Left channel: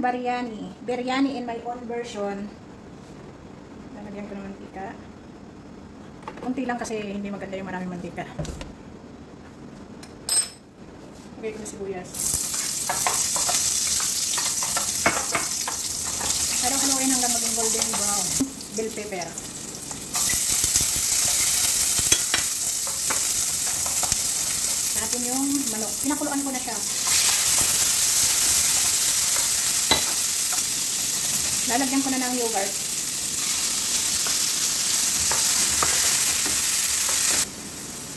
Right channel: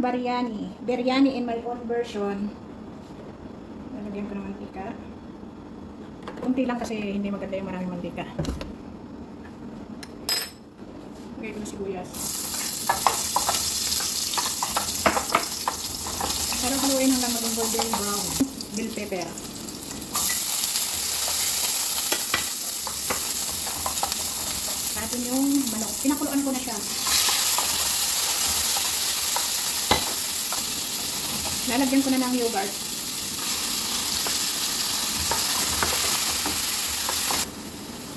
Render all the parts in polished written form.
biryani. Biryani in my own version. Lalagyan ko ng mantika. Kunti lang kasi hindi maganda yung maraming mantika. Lagay ko na sibuyas. Pero haluin hanggang maging golden brown. Bell pepper. Natin yung manok. Pinakuluan ko na siya. Lalagyan ko na ng yogurt.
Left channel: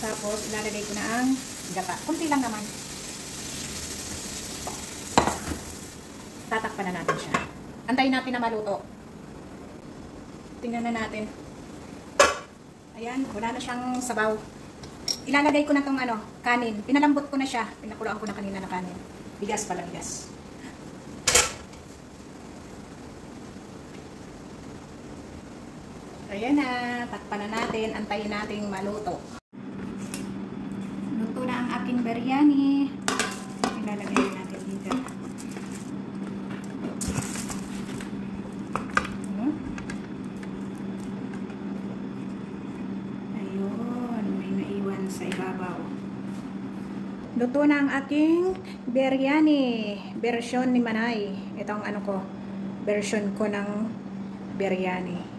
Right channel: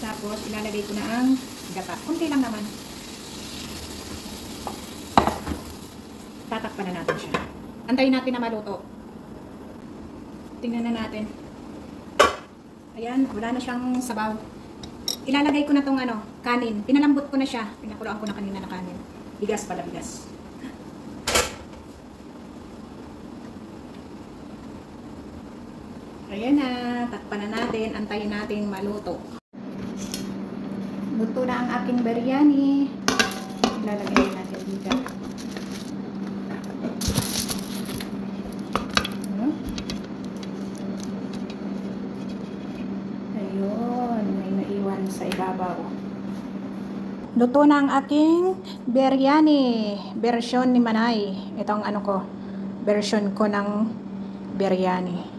Tapos, ilalagay ko na ang gata. Kunti lang naman. Tatakpan na natin siya. Antayin natin na maluto. Tingnan na natin. Ayan, wala na siyang sabaw. Ilalagay ko na tong kanin. Pinalambot ko na siya. Pinakuluan ko na kanina na kanin. Bigas pala, bigas. Ayan na, takpan na natin, antayin nating maluto. Luto na ang aking biryani. Ilalagay natin dito. Ayun, may naiwan sa ibabaw. Luto na ang aking biryani. Version ni Manay. Itong version ko ng biryani.